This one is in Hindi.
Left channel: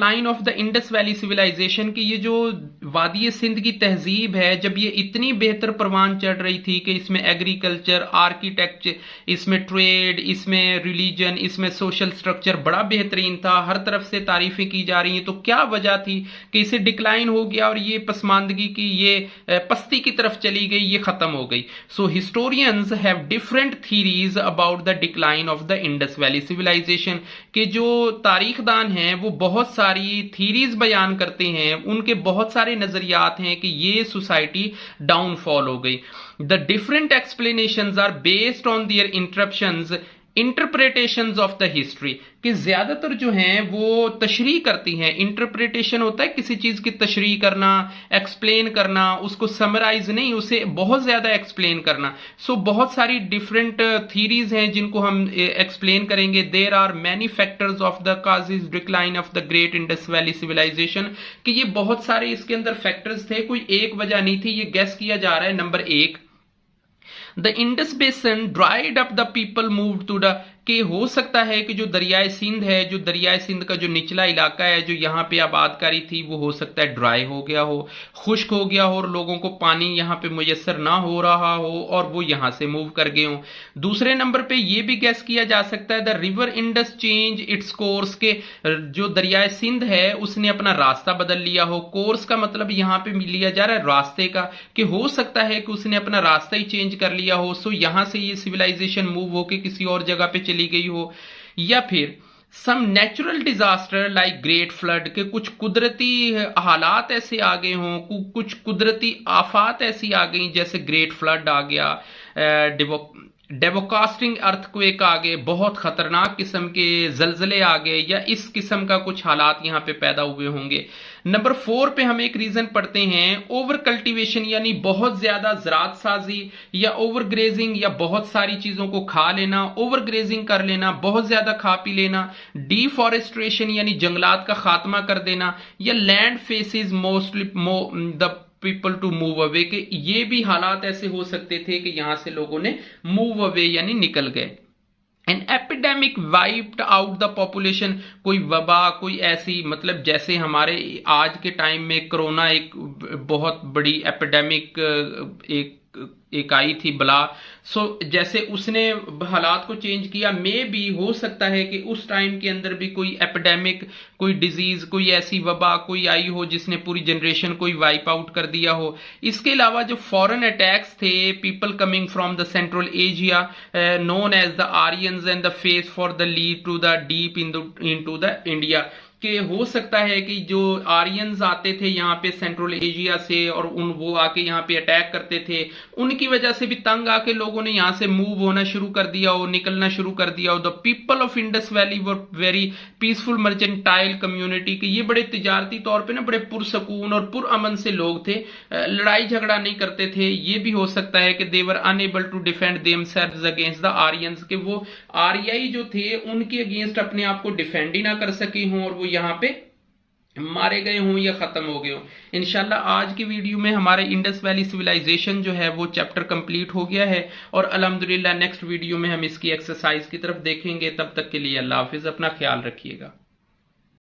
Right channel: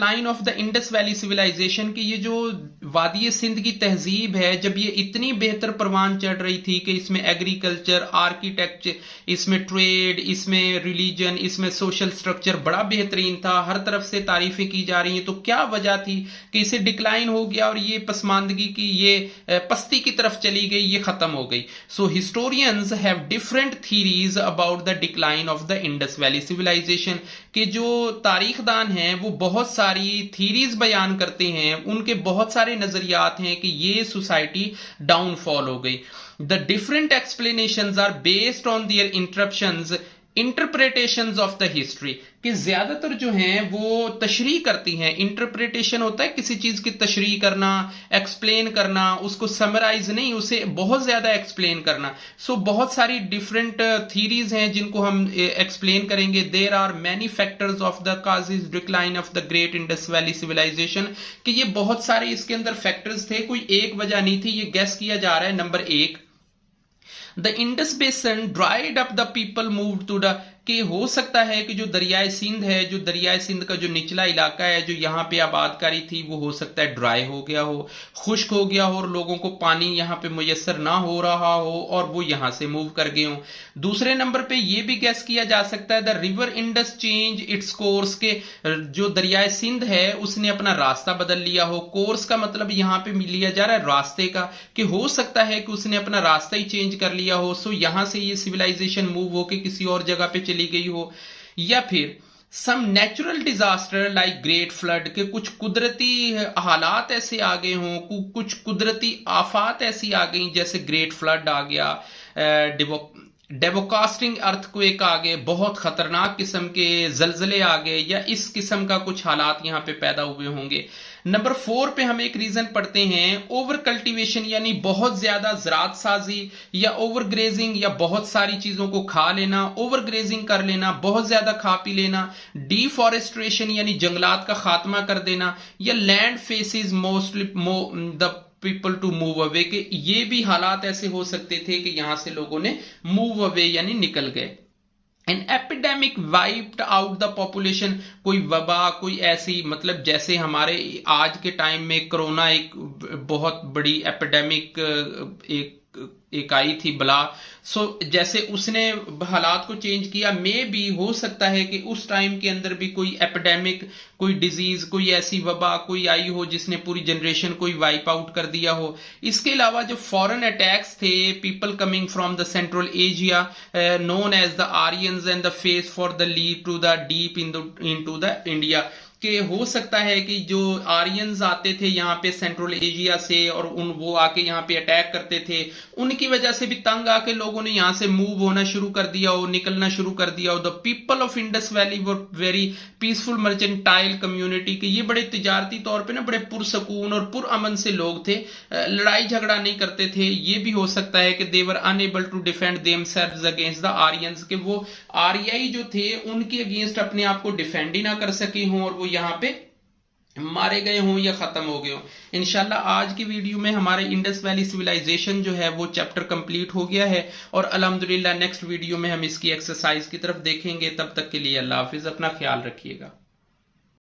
Decline of the Indus valley civilisation की ये जो वादी सिंध की तहजीब है, जब ये इतनी बेहतर परवान चढ़ रही थी कि इसमें एग्रीकल्चर, आर्किटेक्चर, इसमें ट्रेड, इसमें रिलीजन, इसमें सोशल स्ट्रक्चर बड़ा बेहतरीन था, हर तरफ से तारीफें की जा रही हैं, तो क्या वजह थी कि इसे डिक्लाइन हो गया और ये पसमानदगी की, ये पस्ती की तरफ चली गई, ये खत्म हो गई। So historians have different theories about the decline of the Indus valley civilisation के जो तारीखदान हैं वो बहुत सारी थीरीज बयान करते हैं, उनके बहुत सारे नजरियात हैं कि ये सोसाइटी डाउनफॉल हो गई। The different explanations are based on their interpretations of the history, कि ज्यादातर जो हैं वो तशरीह करती हैं। इंटरप्रिटेशन होता है किसी चीज की तशरीह करना, एक्सप्लेन करना, उसको समराइज नहीं, उसे बहुत ज्यादा एक्सप्लेन करना। सो बहुत सारी डिफरेंट थीरीज हैं जिनको हम एक्सप्लेन करेंगे। There are many factors of the causes decline of the great Indus valley civilisation, कि ये बहुत सारे इसके अंदर फैक्टर्स थे, कोई एक वजह नहीं थी। ये गेस किया जा रहा है। Number 1, the Indus basin dried up, the people move to the, कि हो सकता है कि जो दरियाए सिंध है, जो दरियाए सिंध का जो निचला इलाका है, जो यहाँ पे आबादकारी थी, वो हो सकता है ड्राई हो गया हो, खुश्क हो गया हो, और लोगों को पानी यहाँ पे मुयसर ना हो रहा हो और वो यहाँ से मूव कर गए हो। दूसरे नंबर पे ये भी गैस किया जा सकता है the river Indus change its course, के जो दरियाए सिंध है उसने अपना रास्ता बदल लिया हो। कोर्स का मतलब यहाँ पे लिया जा रहा है रास्ते का, कि हो सकता है कि उसने अपना रास्ता ही चेंज कर लिया हो। सो यहां से ये सिविलाइजेशन मूव होके किसी और जगह पे चली गई हो। या फिर some natural disaster like great flood, के कुछ कुदरती हालात ऐसे आ गए हों, कुछ कुदरती आफात ऐसी आ गई, जैसे ग्रेट फ्लड आ गया, डेवोकास्टिंग अर्थक्वेक आ गए, बहुत खतरनाक किस्म के जलजले आ गए, या इस किस्म का कुछ हालात यहां पे पैदा हुए होंगे। नंबर 4 पे हम एक रीजन पढ़ते हैं ओवर कल्टीवेशन, यानी बहुत ज्यादा ज़राअत साजी, या ओवर ग्रेजिंग, या बहुत सारी चीजों को खा लेना, ओवर ग्रेजिंग कर लेना, बहुत ज्यादा खा पी लेना। डिफॉरेस्ट्रेशन यानी जंगलात का खात्मा कर देना, या land faces mostly the people to move away, के ये भी हालात ऐसे हो सकते थे कि यहां से लोगों ने मूव अवे यानी निकल गए। An epidemic wiped out the population, कोई वबा, कोई ऐसी, मतलब जैसे हमारे आज के टाइम में कोरोना एक बहुत बड़ी एपिडेमिक एक आई थी बला। सो जैसे उसने हालात को चेंज किया, मे भी हो सकता है कि उस टाइम के अंदर भी कोई एपिडेमिक, कोई डिजीज, कोई ऐसी वबा कोई आई हो जिसने पूरी जनरेशन को वाइप आउट कर दिया हो। इसके अलावा जो फॉरेन अटैक्स थे, people coming from the Central Asia known as the Aryans and the face for the lead to the deep into the India, कि हो सकता है कि जो आर्यंस आते थे यहाँ पे सेंट्रल एशिया से, और वो आके यहाँ पे अटैक करते थे, उनकी वजह से भी तंग आके लोगों ने यहाँ से मूव होना शुरू कर दिया हो, निकलना शुरू कर दिया हो। The people of Indus valley were very peaceful mercantile community, कि ये बड़े तिजारती तौर पे ना बड़े पुरसकून और पुरअमन से लोग थे, लड़ाई झगड़ा नहीं करते थे। ये भी हो सकता है कि they were unable to defend themselves against the Aryans, के वो आर्याई जो थे उनके अगेंस्ट अपने आप को डिफेंड ही ना कर सके हों, और वो यहाँ पे मारे गए हों या खत्म हो गए हों। इंशाल्लाह आज की वीडियो में हमारे इंडस वैली सिविलाइजेशन जो है वो चैप्टर कंप्लीट हो गया है, और अल्हम्दुलिल्लाह नेक्स्ट वीडियो में हम इसकी एक्सरसाइज की तरफ देखेंगे। तब तक के लिए अल्लाह हाफिज, अपना ख्याल रखिएगा।